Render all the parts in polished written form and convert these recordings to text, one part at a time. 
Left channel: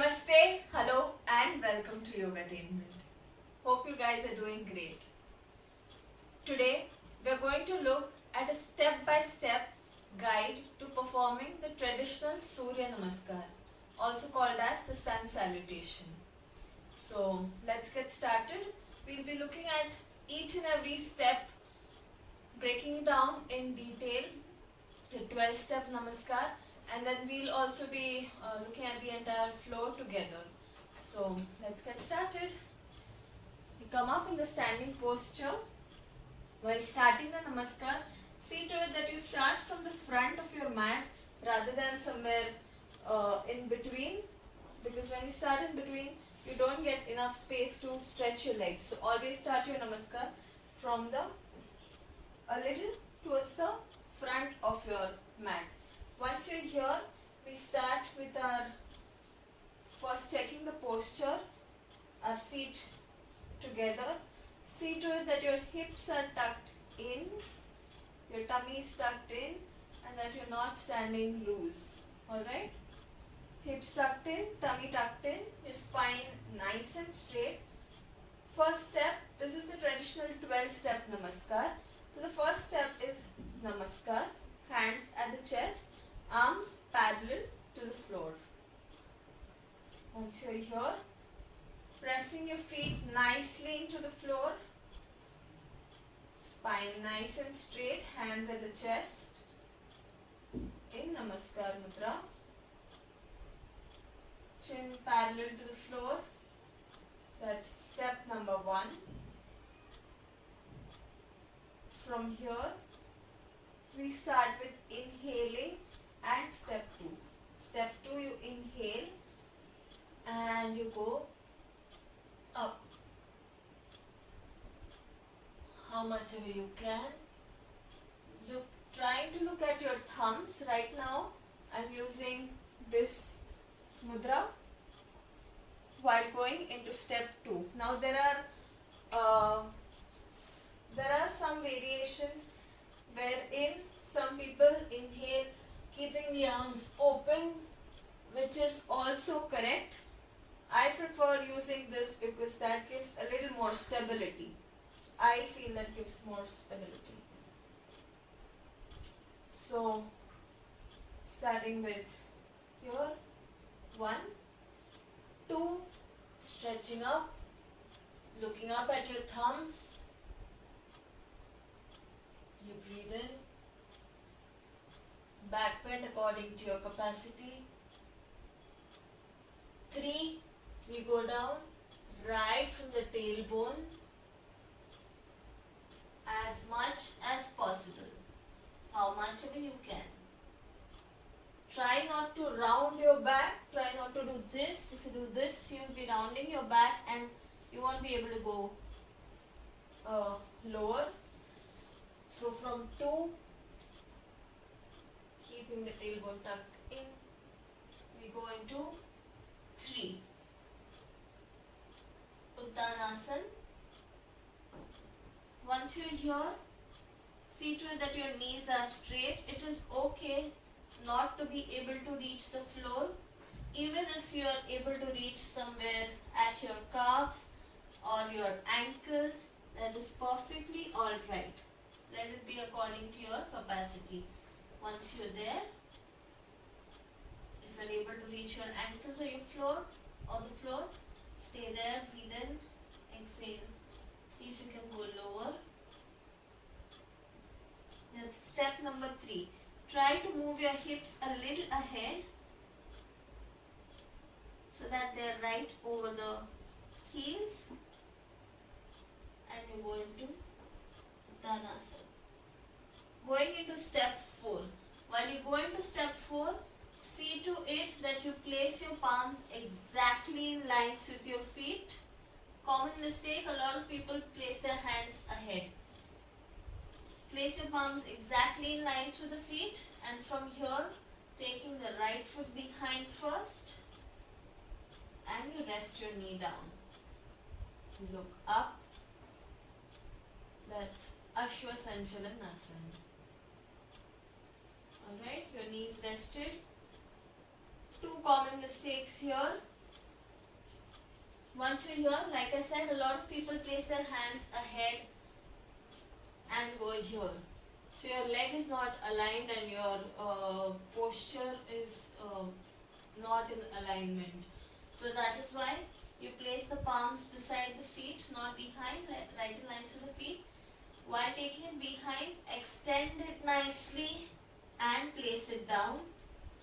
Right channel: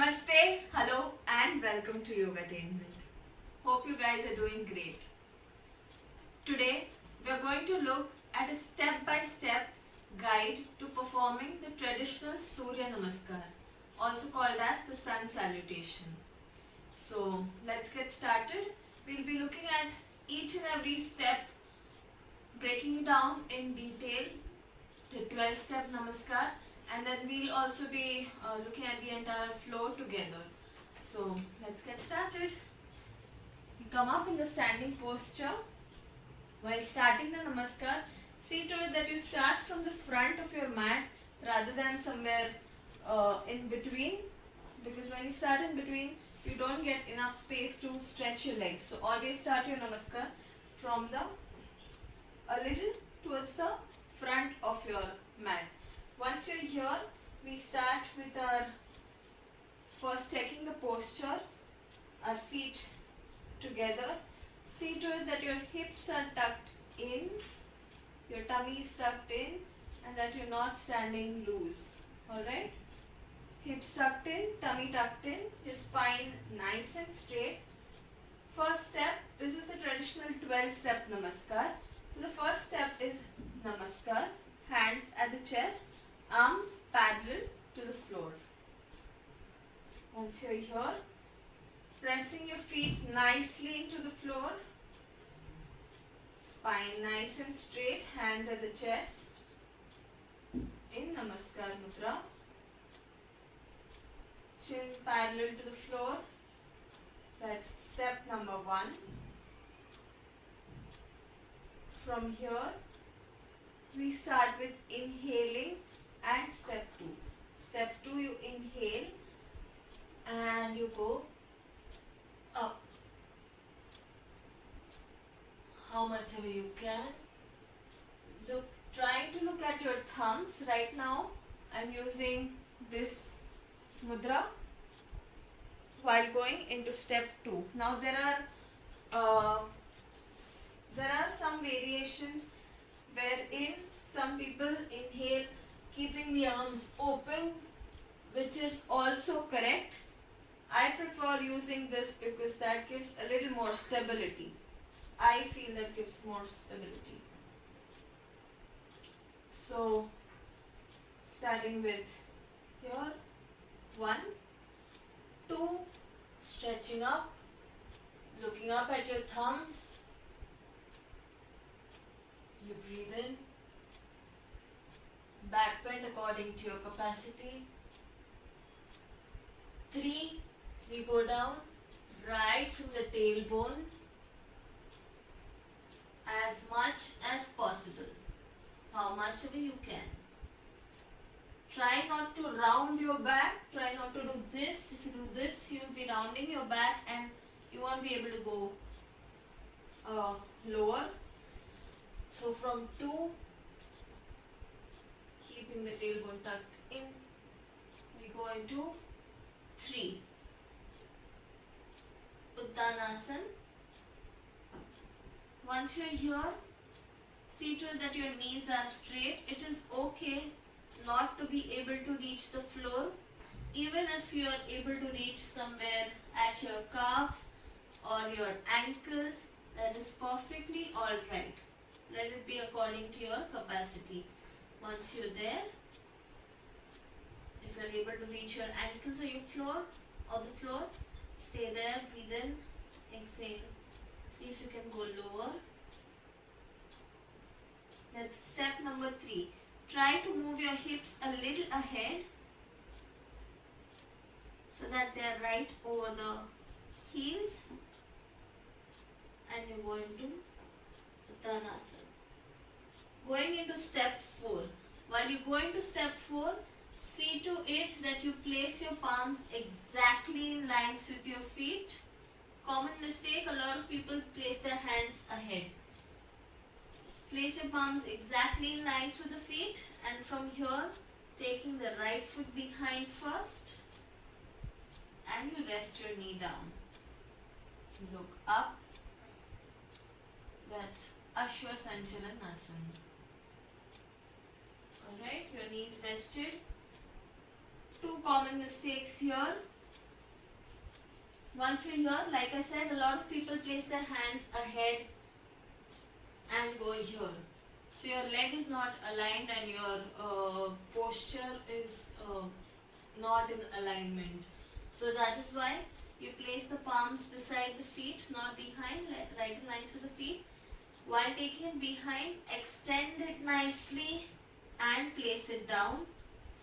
Namaste, hello and welcome to Yogatainment. Hope you guys are doing great. Today we are going to look at a step-by-step guide to performing the traditional Suryanamaskar, also called as the Sun Salutation. So let's get started. We'll be looking at each and every step, breaking down in detail the 12-step Namaskar, and then we'll also be looking at the entire flow together. So let's get started. You come up in the standing posture. While starting the Namaskar, see to it that you start from the front of your mat rather than somewhere in between, because when you start in between, you don't get enough space to stretch your legs. So always start your Namaskar from a little towards the front of your mat. Once you're here, we start with our first taking the posture, our feet together. See to it that your hips are tucked in, your tummy is tucked in, and that you're not standing loose. Alright? Hips tucked in, tummy tucked in, your spine nice and straight. First step, this is the traditional 12-step Namaskar. So the first step is Namaskar, hands at the chest, arms parallel to the floor. Once you're here, pressing your feet nicely into the floor, spine nice and straight, hands at the chest, in Namaskar Mudra, chin parallel to the floor. That's step number 1. From here, we start with inhaling and step 2. Step 2, you inhale and you go up. How much ever you can. Trying to look at your thumbs. Right now, I'm using this mudra while going into step 2. Now there are some variations wherein some people inhale keeping the arms open, which is also correct. I prefer using this because that gives a little more stability. I feel that gives more stability. So, starting with here, 1, 2, stretching up, looking up at your thumbs. You breathe in, back bend according to your capacity. 3, we go down right from the tailbone as much as possible, how much ever you can. Try not to round your back, try not to do this. If you do this, you'll be rounding your back and you won't be able to go lower. So from 2, keeping the tailbone tucked in, we go into 3. Uttanasana. Once you're here, see to it that your knees are straight. It is okay not to be able to reach the floor. Even if you are able to reach somewhere at your calves or your ankles, that is perfectly alright. Let it be according to your capacity. Once you're there, if you're able to reach your ankles or your floor or the floor, stay there, breathe in, exhale. See if you can go lower. That's step number 3. Try to move your hips a little ahead so that they are right over the heels, and you go into Uttanasana. Going into step 4. While you go into step 4, see to it that you place your palms exactly in lines with your feet. Common mistake, a lot of people place their hands ahead. Place your palms exactly in lines with the feet, and from here, taking the right foot behind first, and you rest your knee down. Look up. That's Ashwasanchalanasana. Alright, your knees rested. 2 common mistakes here. Once you're here, like I said, a lot of people place their hands ahead and go here. So your leg is not aligned and your posture is not in alignment. So that is why you place the palms beside the feet, not behind, right in line with the feet. While taking it behind, extend it nicely and place it down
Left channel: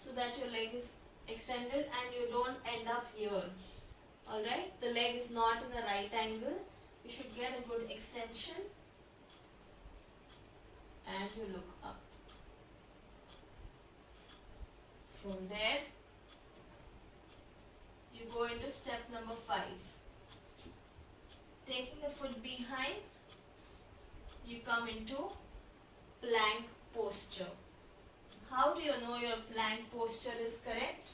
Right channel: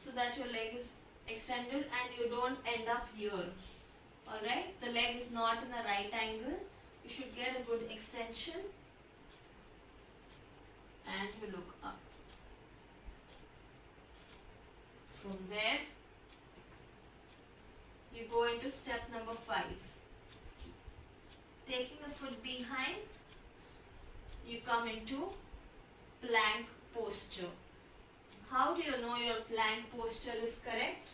so that your leg is extended and you don't end up here. Alright, the leg is not in a right angle. You should get a good extension and you look up. From there, you go into step number 5. Taking the foot behind, you come into plank posture. How do you know your plank posture is correct?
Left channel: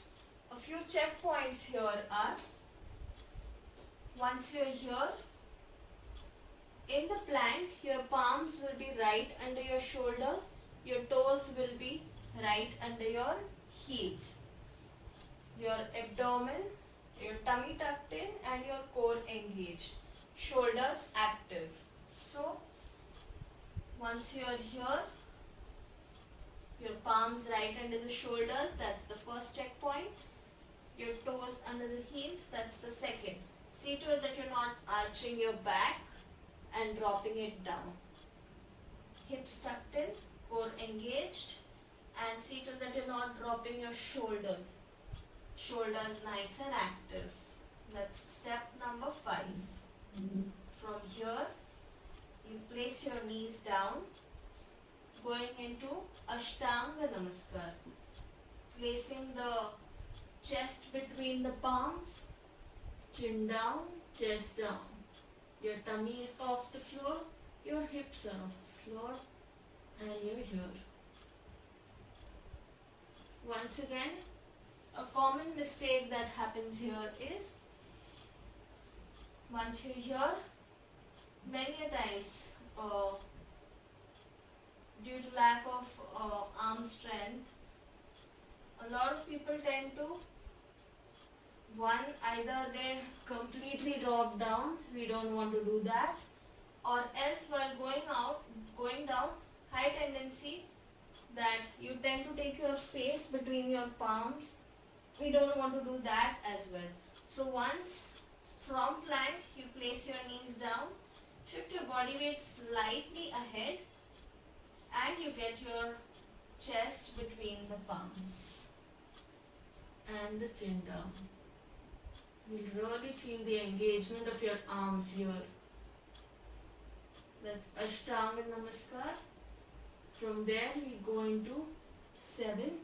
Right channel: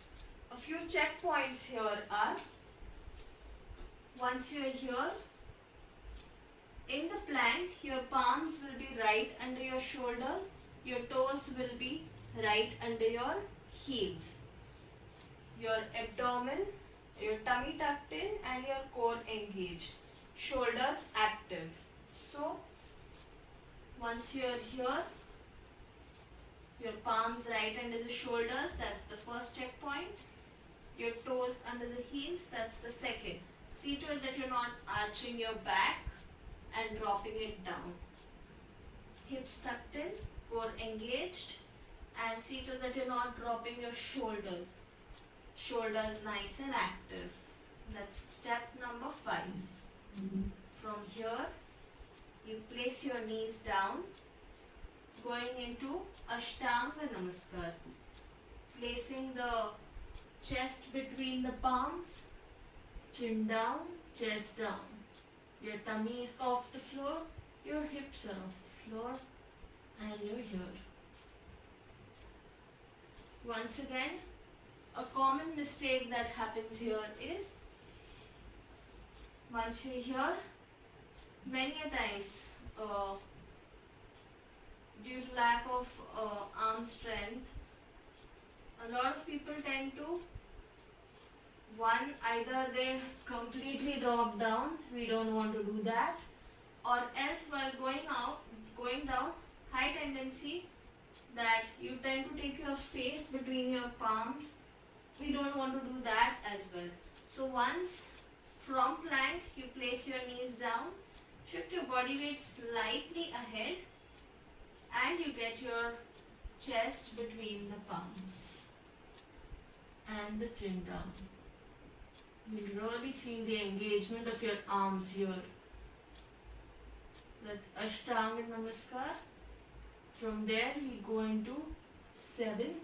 A few checkpoints here are, once you are here, in the plank, your palms will be right under your shoulders, your toes will be right under your heels. Your abdomen, your tummy tucked in and your core engaged. Shoulders active. So, once you are here, your palms right under the shoulders, that's the first checkpoint. Your toes under the heels, that's the second. See to it that you're not arching your back and dropping it down. Hips tucked in, core engaged, and see to it that you're not dropping your shoulders. Shoulders nice and active. That's step number 5. From here, you place your knees down, going into Suryanamaskar. Placing the chest between the palms, chin down, chest down. Your tummy is off the floor, your hips are off the floor, and you're here. Once again, a common mistake that happens here is, once you're here, many a times, due to lack of arm strength, a lot of people tend to, one, either they completely drop down, we don't want to do that, or else while going down, high tendency that you tend to take your face between your palms. We don't want to do that as well. So once from plank, you place your knees down, shift your body weight slightly ahead, and you get your chest between the palms and the chin down. You really feel the engagement of your arms here. That's Suryanamaskar. From there, we go into 7.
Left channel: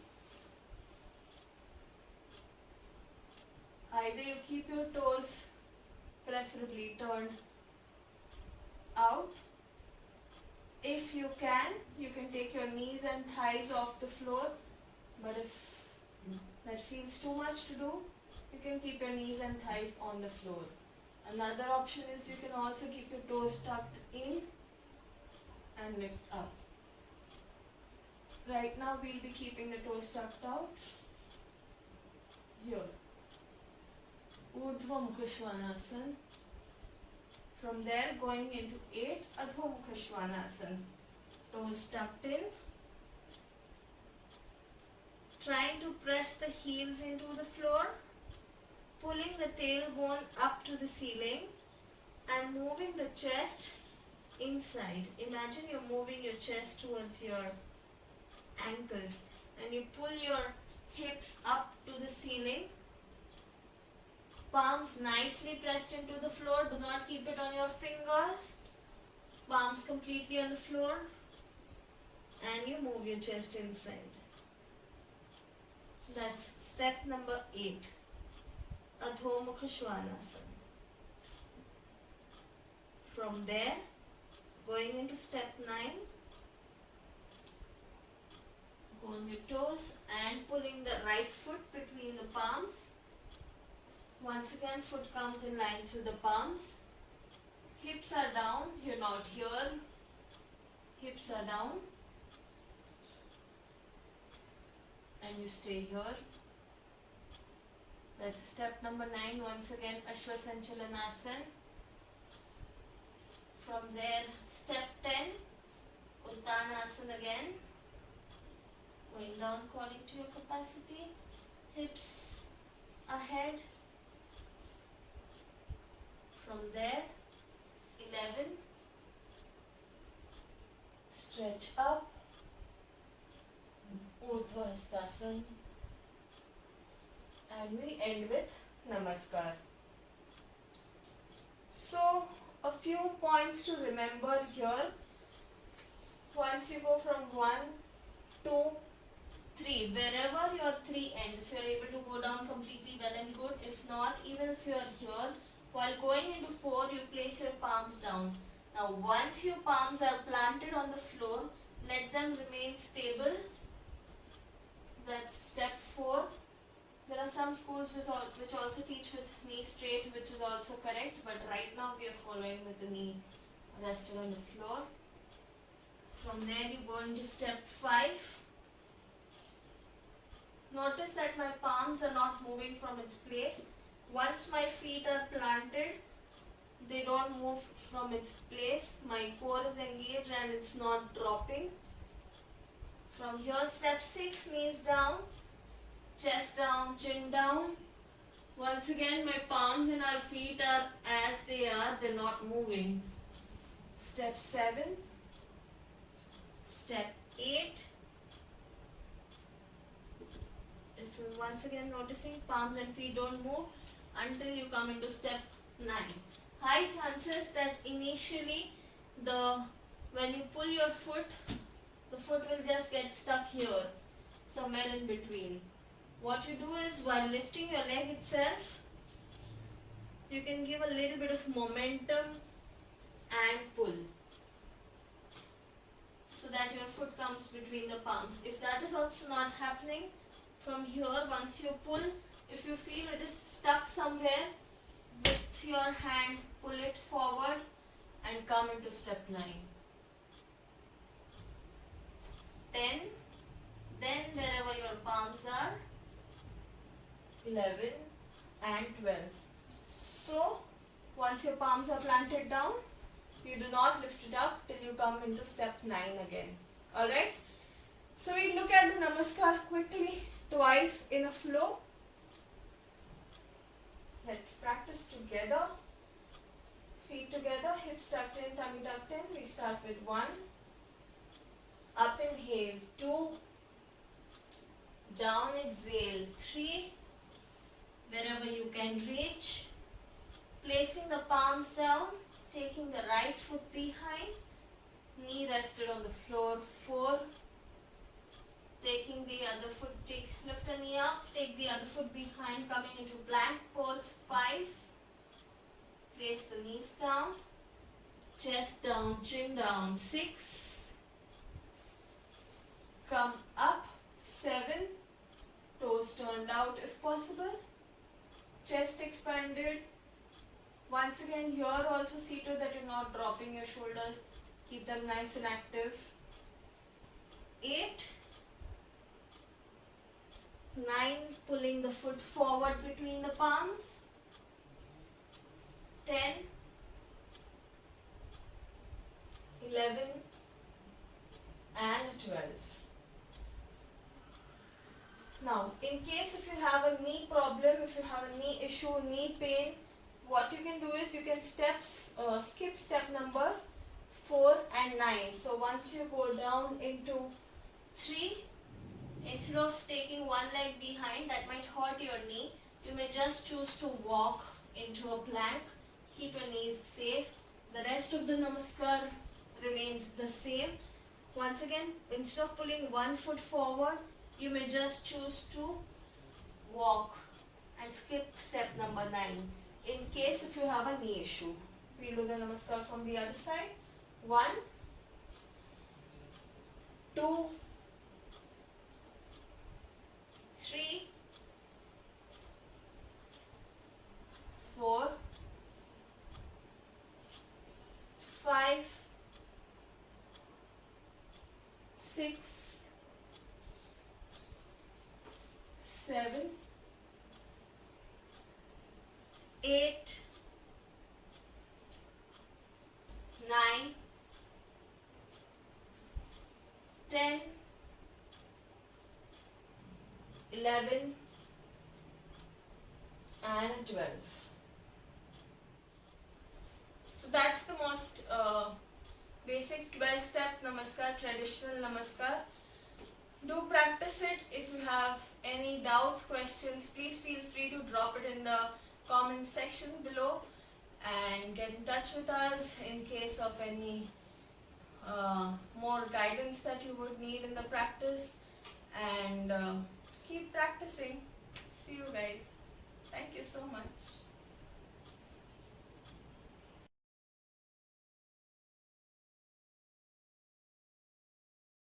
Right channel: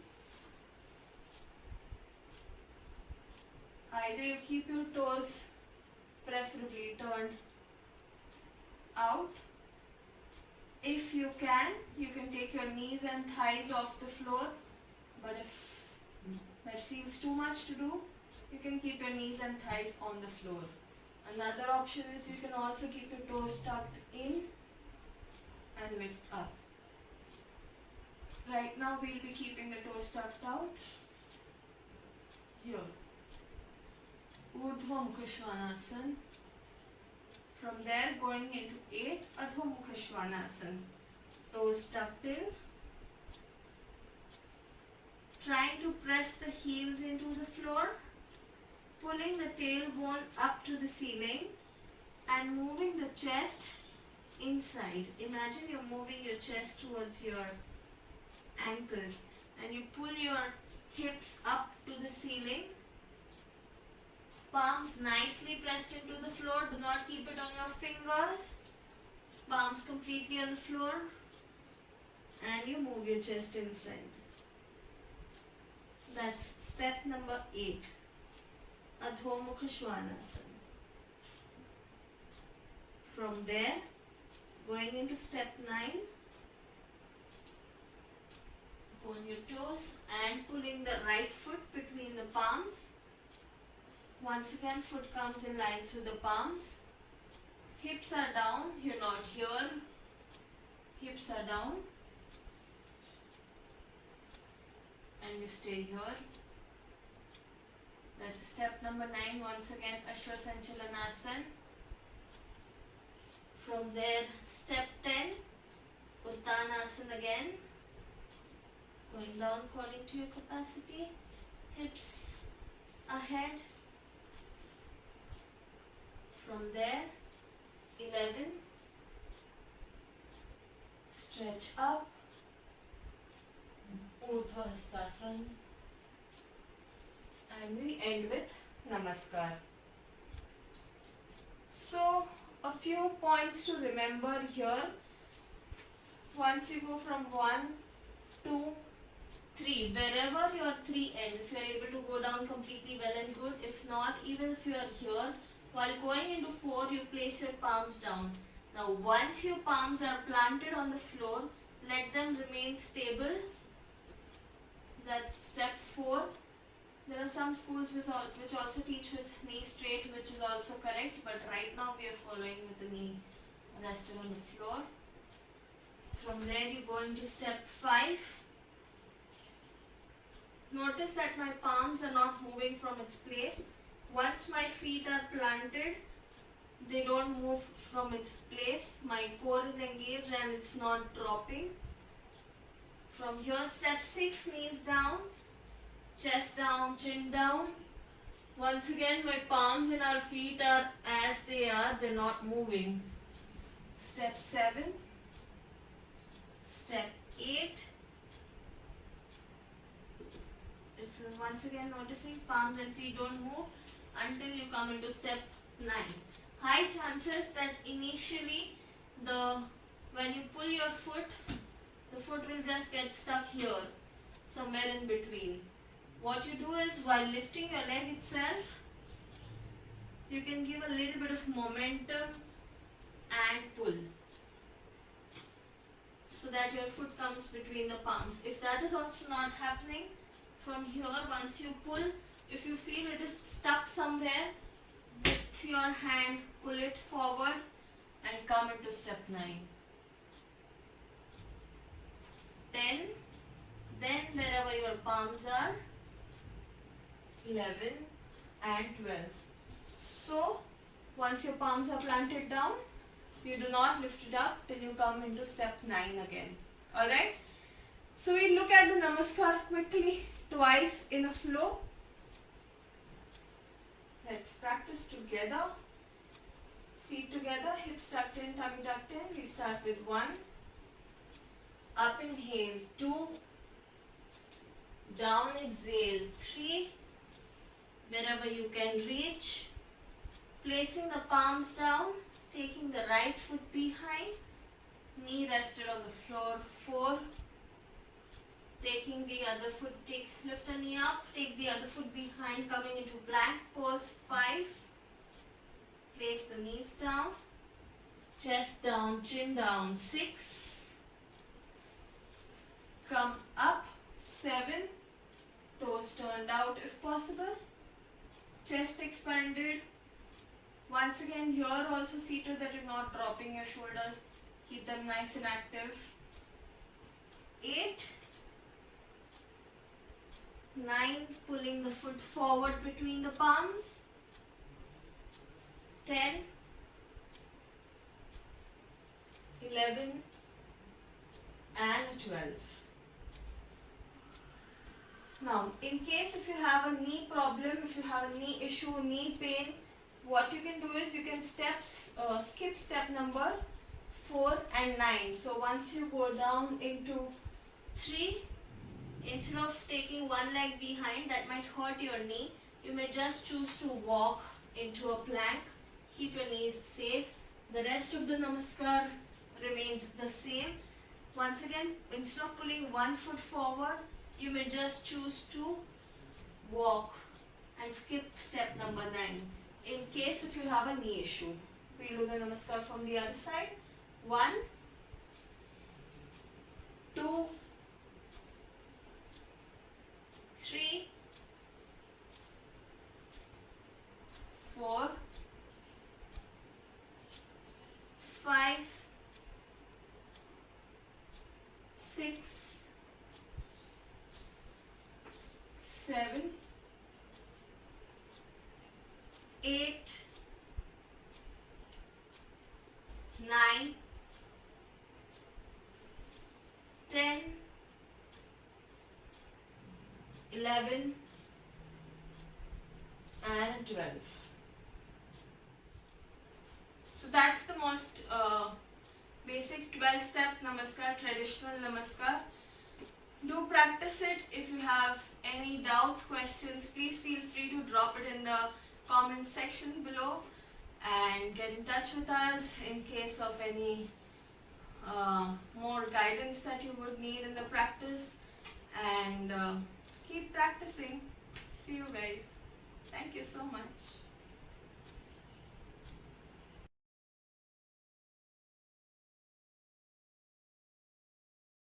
Either you keep your toes preferably turned out. If you can take your knees and thighs off the floor. But if that feels too much to do, you can keep your knees and thighs on the floor. Another option is you can also keep your toes tucked in and lift up. Right now we'll be keeping the toes tucked out. Here. Urdhva Mukha Svanasana. From there going into 8, Adho Mukha Svanasana. Toes tucked in. Trying to press the heels into the floor. Pulling the tailbone up to the ceiling and moving the chest inside. Imagine you're moving your chest towards your ankles and you pull your hips up to the ceiling. Palms nicely pressed into the floor. Do not keep it on your fingers. Palms completely on the floor. And you move your chest inside. That's step number 8. Adho Mukha Svanasana. From there, going into step 9, go on your toes and pulling the right foot between the palms. Once again, foot comes in line with the palms. Hips are down, you're not here. Hips are down. And you stay here. That's step number 9. Once again, Ashwasanchalanasana. From there, step 10, Uttanasana again. Going down according to your capacity. Hips ahead. From there, 11. Stretch up. Urdhva Hastasana. And we end with Namaskar. So, a few points to remember here. Once you go from 1, 2, 3, wherever your 3 ends, if you are able to go down completely, well and good. If not, even if you are here, while going into 4, you place your palms down. Now, once your palms are planted on the floor, let them remain stable. That's step 4. There are some schools which also teach with knee straight, which is also correct, but right now we are following with the knee rested on the floor. From there you go into step 5. Notice that my palms are not moving from its place. Once my feet are planted, they don't move from its place. My core is engaged and it's not dropping. From here, step 6, knees down. Chest down, chin down. Once again, my palms and our feet are as they are, they're not moving. Step 7. Step 8. If you're once again noticing, palms and feet don't move until you come into step 9. High chances that initially when you pull your foot, the foot will just get stuck here, somewhere in between. What you do is, while lifting your leg itself, you can give a little bit of momentum and pull, so that your foot comes between the palms. If that is also not happening, from here, once you pull, if you feel it is stuck somewhere, with your hand, pull it forward and come into step 9. 10. Then wherever your palms are, 11 and 12. So, once your palms are planted down, you do not lift it up till you come into step 9 again. Alright? So, we look at the Namaskar quickly, twice in a flow. Let's practice together. Feet together, hips tucked in, tummy tucked in. We start with 1. Up inhale, 2. Down exhale, 3. Wherever you can reach. Placing the palms down, taking the right foot behind. Knee rested on the floor, 4. Taking the other foot, lift the knee up, take the other foot behind, coming into plank pose, 5. Place the knees down, chest down, chin down, 6. Come up, 7. Toes turned out if possible. Chest expanded. Once again, here also see to that you're not dropping your shoulders. Keep them nice and active. 8. 9. Pulling the foot forward between the palms. 10. 11. And 12. Now, in case if you have a knee problem, if you have a knee issue, knee pain, what you can do is you can skip step number 4 and 9. So once you go down into 3, instead of taking one leg behind, that might hurt your knee, you may just choose to walk into a plank. Keep your knees safe. The rest of the Namaskar remains the same. Once again, instead of pulling one foot forward, you may just choose to walk and skip step number 9 in case if you have a knee issue. We do the Namaskar from the other side. 1, 2, 3, 4, 5, 6, 7, 8, 9, 10, 11 and 12. So that's the most basic 12-step Namaskar, traditional Namaskar. Do practice it. If you have any doubts, questions, please feel free to drop it in the comment section below and get in touch with us in case of any more guidance that you would need in the practice, and keep practicing. See you guys. Thank you so much.